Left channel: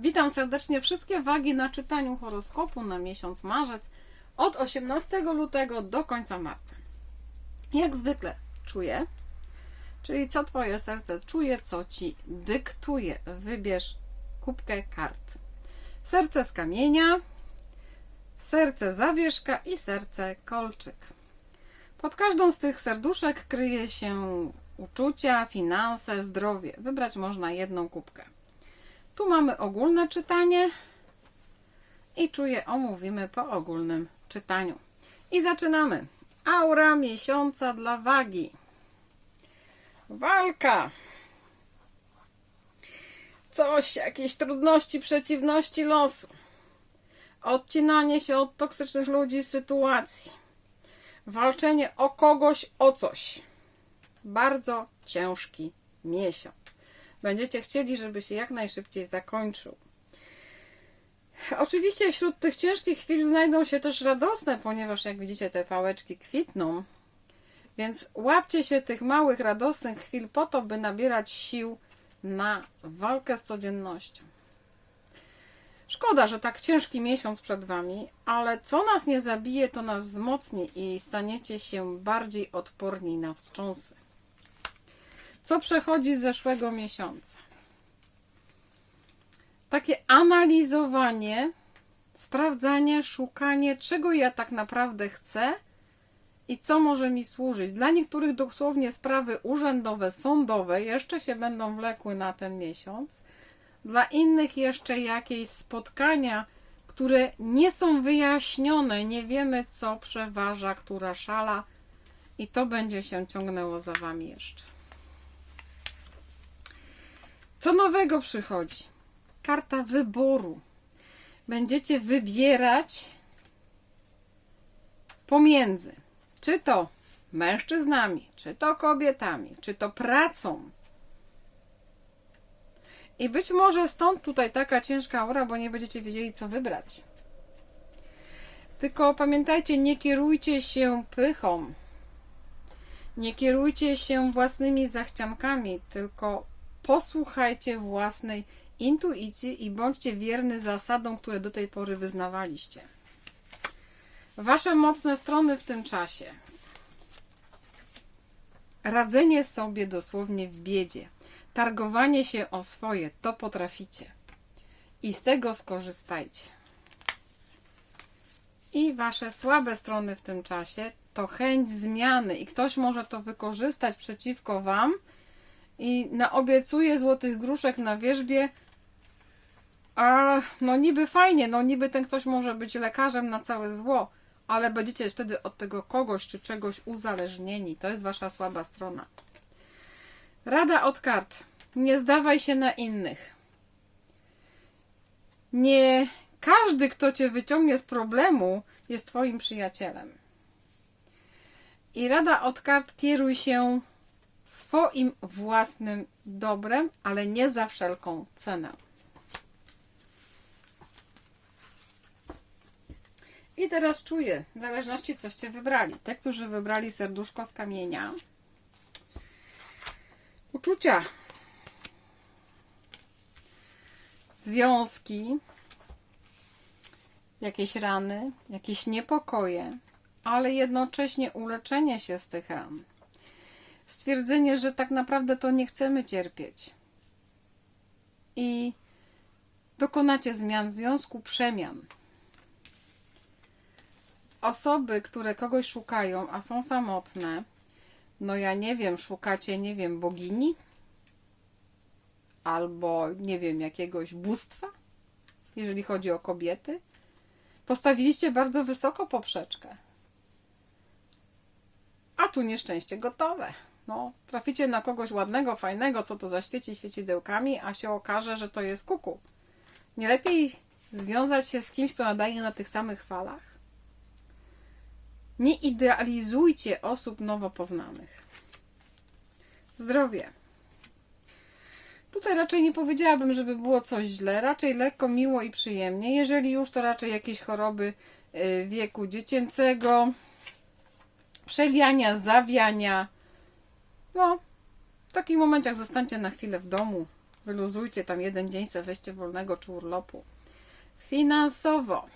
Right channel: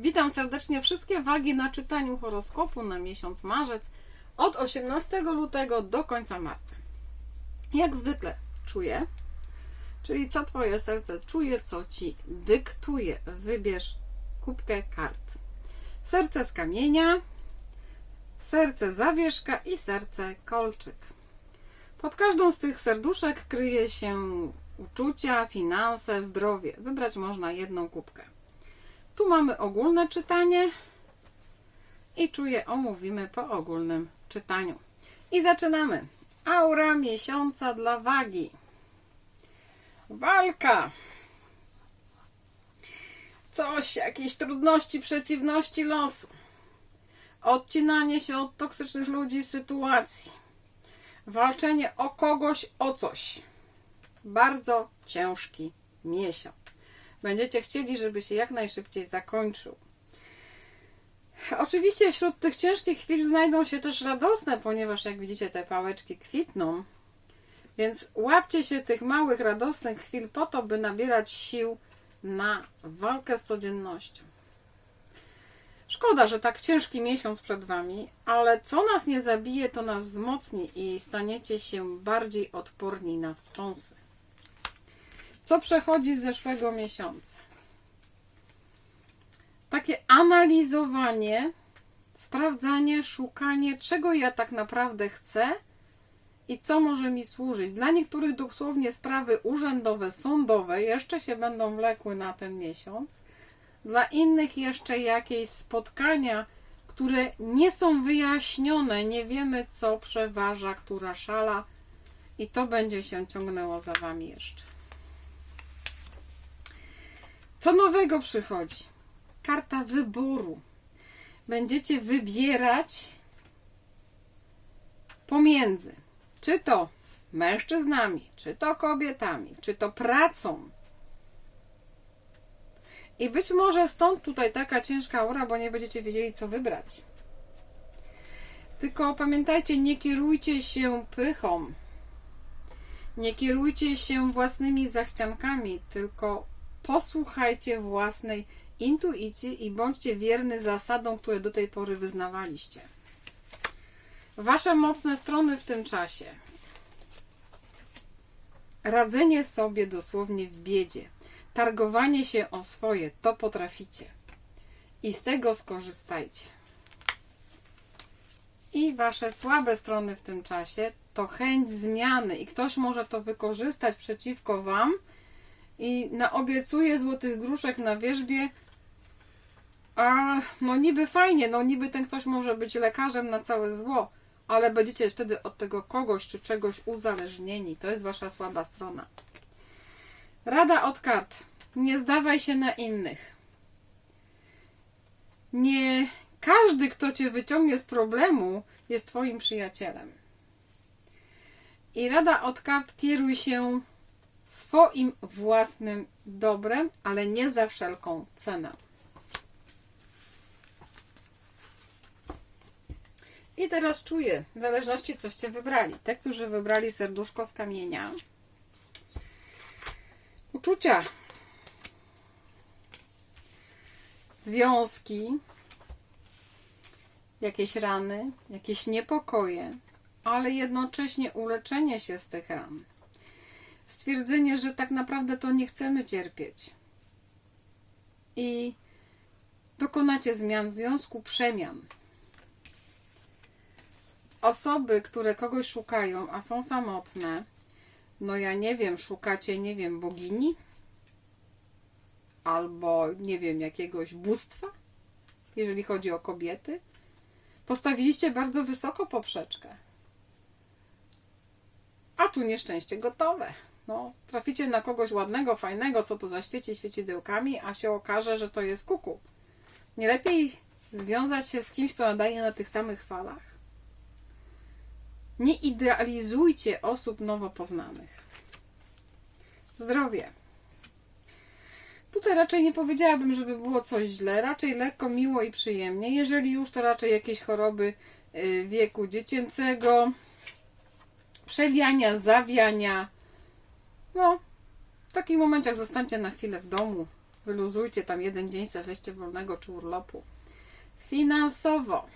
Witam serdecznie wszystkie wagi na czytaniu horoskopu na miesiąc marzec od 18 lutego do końca marca. Jak zwykle czuję, czyli co Twoje serce czuje, co Ci dyktuje. Wybierz kubkę kart. Serce z kamienia, serce zawieszka i serce kolczyk. Pod każdą z tych serduszek kryje się uczucia, finanse, zdrowie. Wybrać można jedną kubkę. Tu mamy ogólne czytanie i czuję omówimy po ogólnym czytaniu. I zaczynamy. Aura miesiąca dla wagi. Walka. Coś, jakieś trudności, przeciwności losu. Odcinanie się od toksycznych ludzi, sytuacji. Walczenie o kogoś, o coś. Bardzo ciężki miesiąc. Będziecie chcieli, żeby się jak najszybciej zakończył. Oczywiście wśród tych ciężkich chwil znajdą się też radosne, ponieważ jak widzicie te pałeczki kwitną. Więc łapcie się tych małych, radosnych chwil po to, by nabierać sił na walkę z codziennością. Szkoda, że tak ciężki miesiąc przed Wami, ale co nas nie zabije, to nas wzmocni i staniecie się bardziej odporni na wstrząsy. Co przechodzi z zeszłego miesiąca? Takie analizowanie, sprawdzanie, szukanie, czego ja tak naprawdę chcę i co może mi służyć. Dla niektórych dosłownie sprawy urzędowe, sądowe jeszcze się będą wlekły na ten miesiąc. Dla innych jeszcze jakieś spotkania, które nie są wyjaśnione, nie wiemy co przeważa, która szala i to będzie się ciągnęło za Wami jeszcze. Co nowego przychodzi? Karta wyboru. Będziecie wybierać pomiędzy czy to mężczyznami, czy to kobietami, czy to pracą. I być może stąd tutaj taka ciężka aura, bo nie będziecie wiedzieli, co wybrać. Tylko pamiętajcie, nie kierujcie się pychą. Nie kierujcie się własnymi zachciankami, tylko posłuchajcie własnej intuicji i bądźcie wierny zasadom, które do tej pory wyznawaliście. Wasze mocne strony w tym czasie. Radzenie sobie dosłownie w biedzie. Targowanie się o swoje, to potraficie. I z tego skorzystajcie. I wasze słabe strony w tym czasie to chęć zmiany i ktoś może to wykorzystać przeciwko wam i naobiecuje złotych gruszek na wierzbie, a no niby fajnie, no niby ten ktoś może być lekarzem na całe zło, ale będziecie wtedy od tego kogoś czy czegoś uzależnieni. To jest wasza słaba strona. Rada od kart. Nie zdawaj się na innych. Nie każdy, kto cię wyciągnie z problemu, jest twoim przyjacielem. I rada od kart kieruj się swoim własnym dobrem, ale nie za wszelką cenę. I teraz czuję, w zależności coście wybrali. Te, którzy wybrali serduszko z kamienia. Uczucia. Związki. Jakieś rany, jakieś niepokoje, ale jednocześnie uleczenie się z tych ran. Stwierdzenie, że tak naprawdę to nie chcemy cierpieć. I dokonacie zmian w związku, przemian osoby, które kogoś szukają, a są samotne, no ja nie wiem, szukacie, nie wiem, bogini? Albo, nie wiem, jakiegoś bóstwa, jeżeli chodzi o kobiety? Postawiliście bardzo wysoko poprzeczkę. A tu nieszczęście gotowe. No, traficie na kogoś ładnego, fajnego, co to zaświeci świecidełkami, a się okaże, że to jest kuku. Nie lepiej związać się z kimś, kto nadaje na tych samych falach? Nie idealizujcie osób nowo poznanych. Zdrowie. Tutaj raczej nie powiedziałabym, żeby było coś źle, raczej lekko, miło i przyjemnie. Jeżeli już, to raczej jakieś choroby y, wieku dziecięcego, przewiania, zawiania. No, w takich momentach zostańcie na chwilę w domu, Wyluzujcie tam jeden dzień, se weźcie wolnego czy urlopu. Finansowo.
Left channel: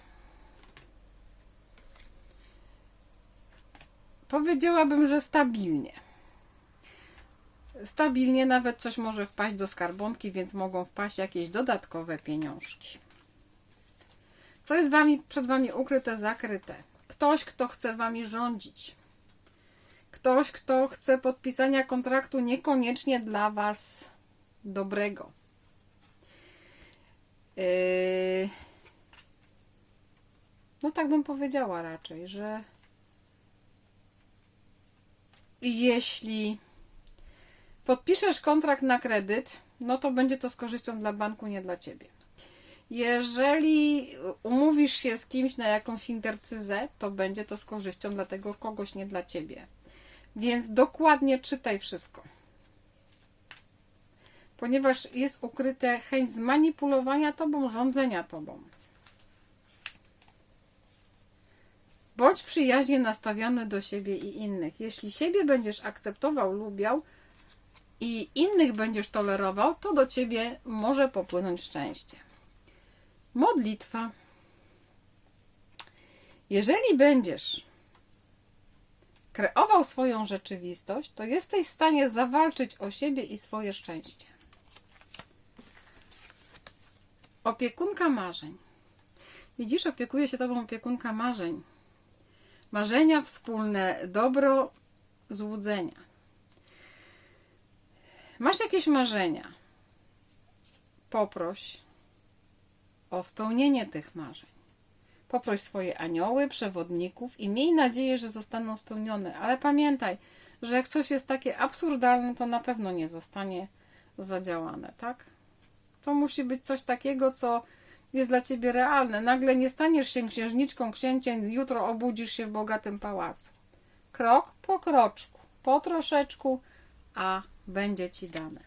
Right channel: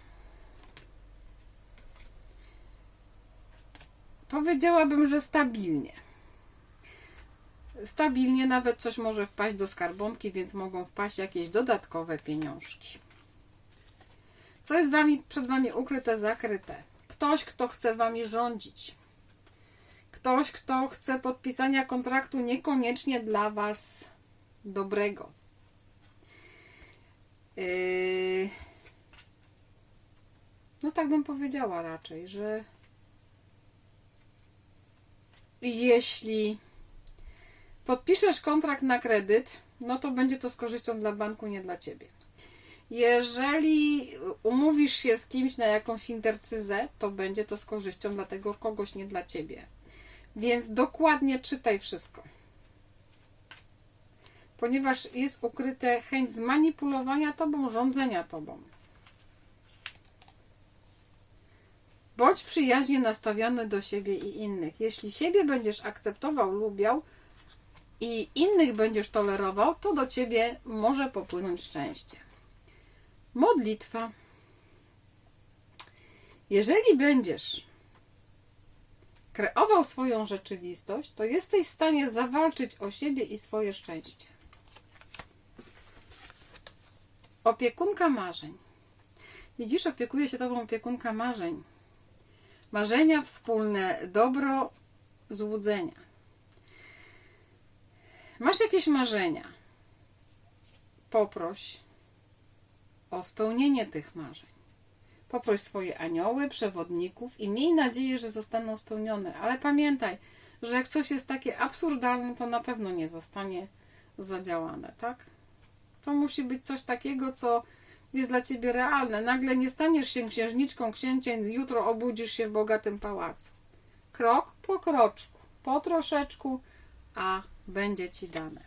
Powiedziałabym, że stabilnie. Stabilnie nawet coś może wpaść do skarbonki, więc mogą wpaść jakieś dodatkowe pieniążki. Co jest wami, przed Wami ukryte, zakryte? Ktoś, kto chce Wami rządzić. Ktoś, kto chce podpisania kontraktu niekoniecznie dla Was dobrego. Yy... No tak bym powiedziała raczej, że jeśli podpiszesz kontrakt na kredyt, no to będzie to z korzyścią dla banku, nie dla ciebie. Jeżeli umówisz się z kimś na jakąś intercyzę, to będzie to z korzyścią dla tego kogoś, nie dla ciebie. Więc dokładnie czytaj wszystko. Ponieważ jest ukryte chęć zmanipulowania tobą, rządzenia tobą. Bądź przyjaźnie nastawiony do siebie i innych. Jeśli siebie będziesz akceptował, lubiał i innych będziesz tolerował, to do ciebie może popłynąć szczęście. Modlitwa. Jeżeli będziesz kreował swoją rzeczywistość, to jesteś w stanie zawalczyć o siebie i swoje szczęście. Opiekunka marzeń. Widzisz, opiekuje się tobą opiekunka marzeń. Marzenia wspólne, dobro, złudzenia. Masz jakieś marzenia? Poproś o spełnienie tych marzeń. Poproś swoje anioły, przewodników i miej nadzieję, że zostaną spełnione. Ale pamiętaj, że jak coś jest takie absurdalne, to na pewno nie zostanie zadziałane, tak? To musi być coś takiego, co jest dla ciebie realne. Nagle nie staniesz się księżniczką, księciem, jutro obudzisz się w bogatym pałacu. Krok po kroczku, po troszeczku, a będzie ci dane.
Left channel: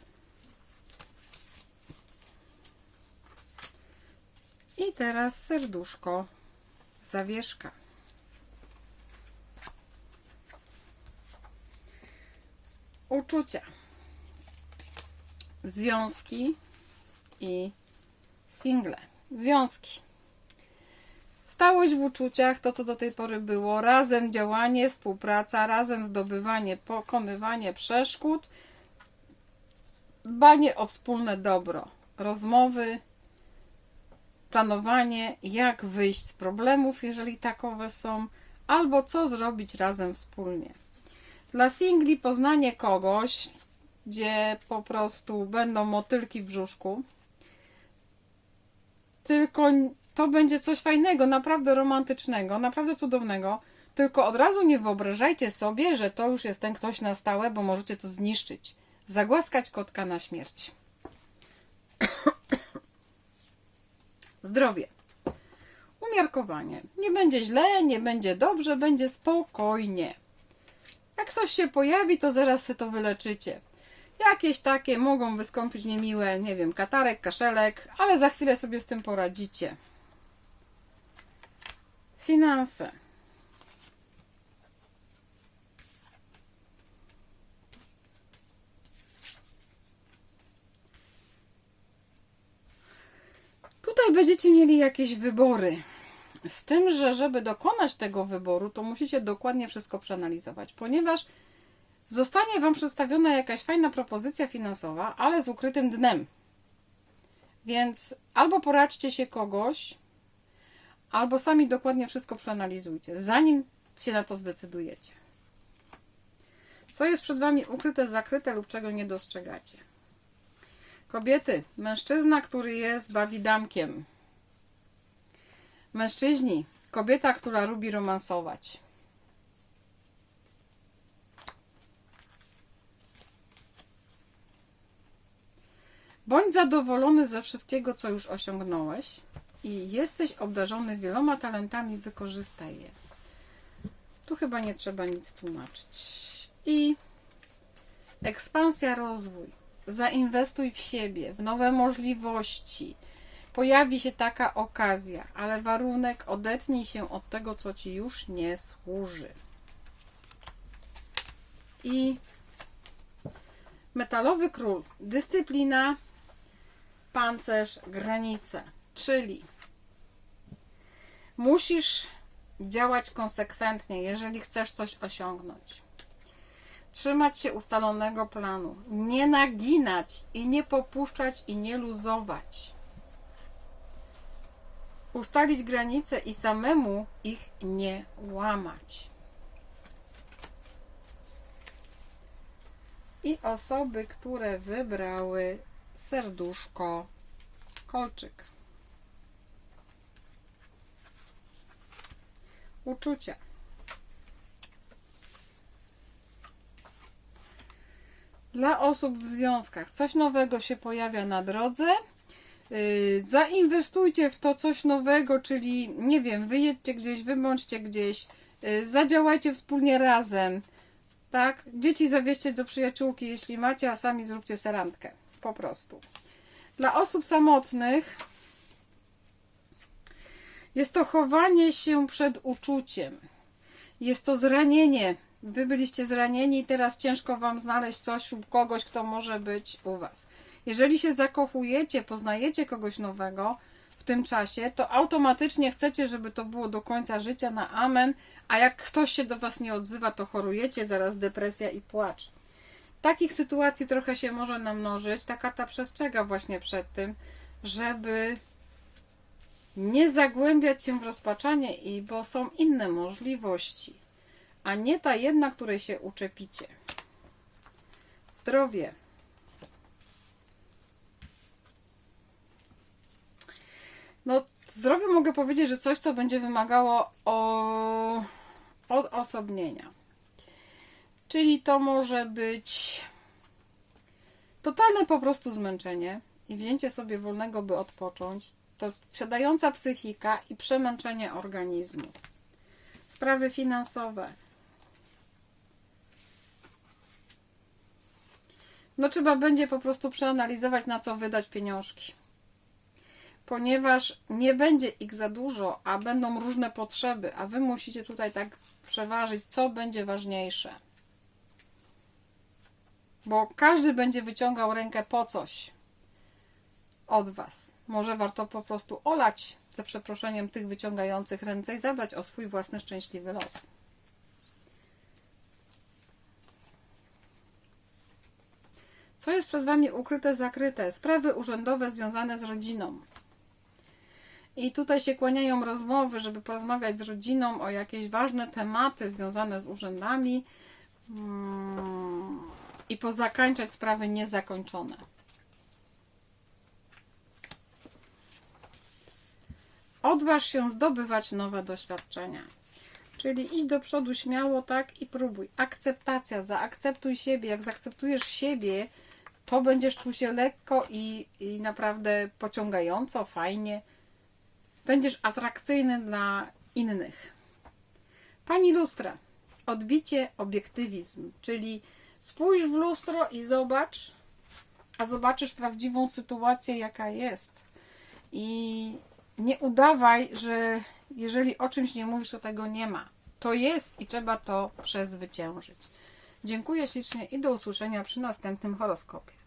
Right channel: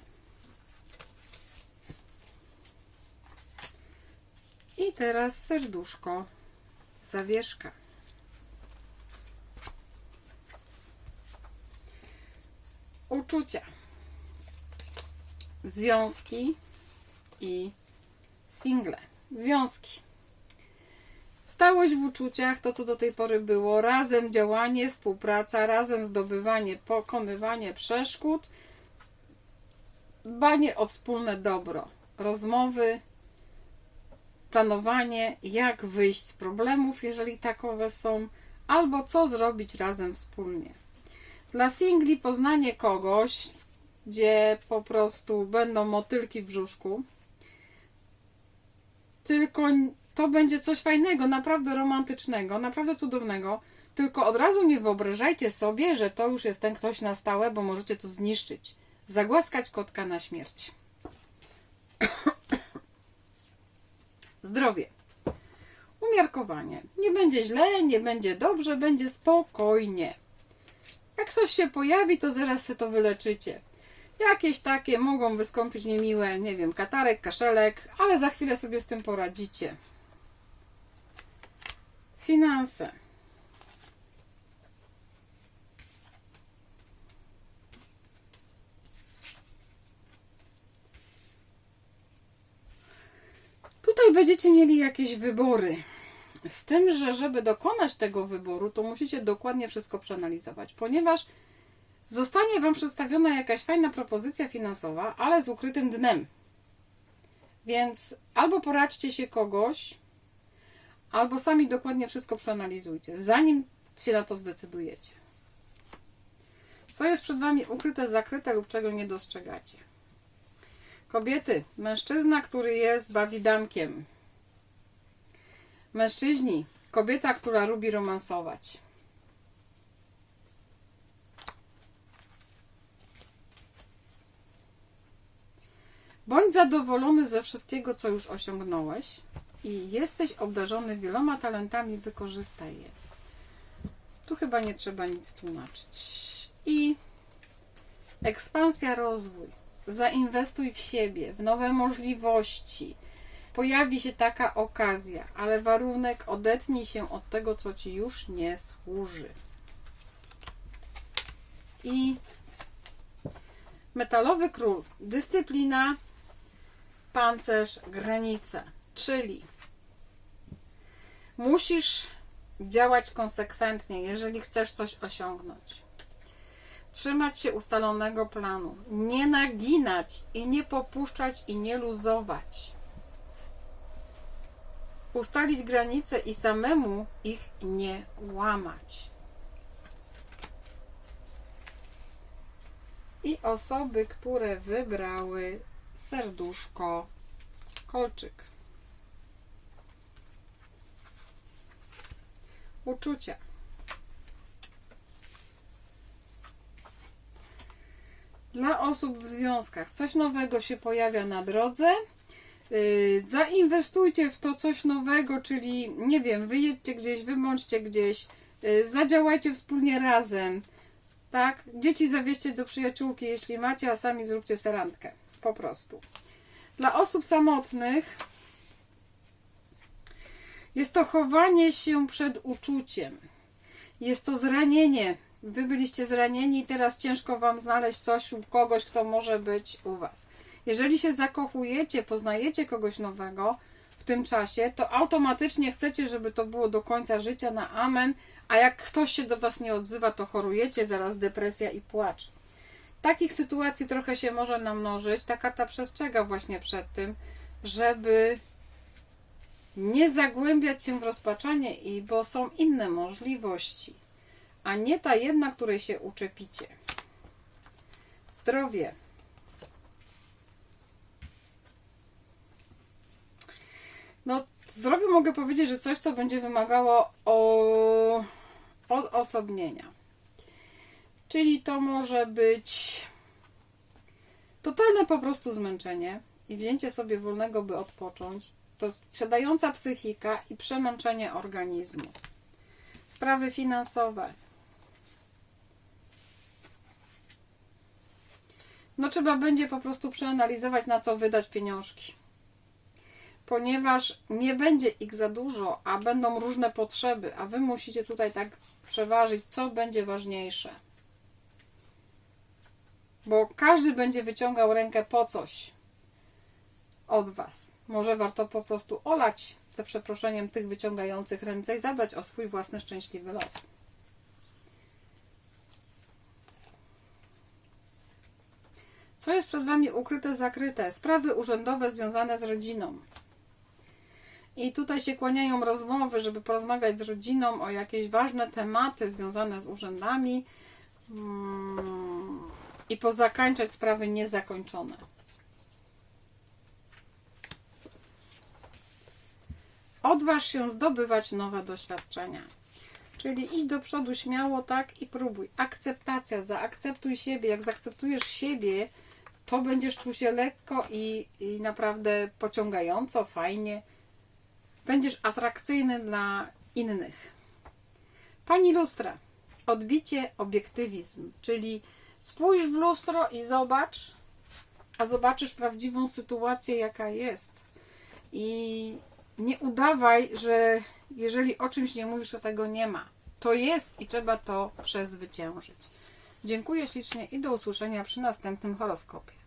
I teraz serduszko, zawieszka. Uczucia, związki i single. Związki. Stałość w uczuciach, to co do tej pory było, razem działanie, współpraca, razem zdobywanie, pokonywanie przeszkód, dbanie o wspólne dobro, rozmowy, planowanie, jak wyjść z problemów, jeżeli takowe są, albo co zrobić razem wspólnie. Dla singli poznanie kogoś, gdzie po prostu będą motylki w brzuszku, tylko to będzie coś fajnego, naprawdę romantycznego, naprawdę cudownego. Tylko od razu nie wyobrażajcie sobie, że to już jest ten ktoś na stałe, bo możecie to zniszczyć. Zagłaskać kotka na śmierć. Zdrowie. Umiarkowanie. Nie będzie źle, nie będzie dobrze, będzie spokojnie. Jak coś się pojawi, to zaraz się to wyleczycie. Jakieś takie mogą wystąpić niemiłe, nie wiem, katarek, kaszelek, ale za chwilę sobie z tym poradzicie. Finanse. Tutaj będziecie mieli jakieś wybory. Z tym, że żeby dokonać tego wyboru, to musicie dokładnie wszystko przeanalizować, ponieważ zostanie Wam przedstawiona jakaś fajna propozycja finansowa, ale z ukrytym dnem. Więc albo poradźcie się kogoś, albo sami dokładnie wszystko przeanalizujcie, zanim się na to zdecydujecie. Co jest przed Wami ukryte, zakryte lub czego nie dostrzegacie? Kobiety, mężczyzna, który jest bawidamkiem. Mężczyźni, kobieta, która lubi romansować. Bądź zadowolony ze wszystkiego, co już osiągnąłeś i jesteś obdarzony wieloma talentami, wykorzystaj je. Tu chyba nie trzeba nic tłumaczyć. I ekspansja, rozwój. Zainwestuj w siebie, w nowe możliwości. Pojawi się taka okazja, ale warunek odetnij się od tego, co ci już nie służy. I metalowy król. Dyscyplina, pancerz, granice. Czyli musisz działać konsekwentnie, jeżeli chcesz coś osiągnąć. Trzymać się ustalonego planu, nie naginać i nie popuszczać i nie luzować. Ustalić granice i samemu ich nie łamać. I osoby, które wybrały serduszko kolczyk. Uczucia. Dla osób w związkach coś nowego się pojawia na drodze. Yy, Zainwestujcie w to coś nowego, czyli nie wiem, wyjedźcie gdzieś, wybądźcie gdzieś, yy, zadziałajcie wspólnie razem. Tak? Dzieci zawieźcie do przyjaciółki, jeśli macie, a sami zróbcie serantkę. Po prostu. Dla osób samotnych jest to chowanie się przed uczuciem. Jest to zranienie. Wy byliście zranieni i teraz ciężko Wam znaleźć coś lub kogoś, kto może być u Was. Jeżeli się zakochujecie, poznajecie kogoś nowego w tym czasie, to automatycznie chcecie, żeby to było do końca życia na amen, a jak ktoś się do Was nie odzywa, to chorujecie, zaraz depresja i płacz. Takich sytuacji trochę się może namnożyć. Ta karta przestrzega właśnie przed tym, żeby nie zagłębiać się w rozpaczanie, i bo są inne możliwości, a nie ta jedna, której się uczepicie. Zdrowie. No, zdrowie mogę powiedzieć, że coś, co będzie wymagało o, odosobnienia. Czyli to może być totalne po prostu zmęczenie i wzięcie sobie wolnego, by odpocząć. To siadająca psychika i przemęczenie organizmu. Sprawy finansowe. No trzeba będzie po prostu przeanalizować, na co wydać pieniążki. Ponieważ nie będzie ich za dużo, a będą różne potrzeby, a wy musicie tutaj tak przeważyć, co będzie ważniejsze. Bo każdy będzie wyciągał rękę po coś od Was. Może warto po prostu olać, za przeproszeniem, tych wyciągających ręce i zadbać o swój własny szczęśliwy los. Co jest przed Wami ukryte, zakryte? Sprawy urzędowe związane z rodziną. I tutaj się kłaniają rozmowy, żeby porozmawiać z rodziną o jakieś ważne tematy związane z urzędami mm, i pozakańczać sprawy niezakończone. Odważ się zdobywać nowe doświadczenia. Czyli idź do przodu śmiało, tak i próbuj. Akceptacja, zaakceptuj siebie. Jak zaakceptujesz siebie, to będziesz czuł się lekko i, i naprawdę pociągająco, fajnie. Będziesz atrakcyjny dla innych. Pani lustra. Odbicie, obiektywizm, czyli spójrz w lustro i zobacz, a zobaczysz prawdziwą sytuację, jaka jest. I nie udawaj, że jeżeli o czymś nie mówisz, to tego nie ma. To jest i trzeba to przezwyciężyć. Dziękuję ślicznie i do usłyszenia przy następnym horoskopie.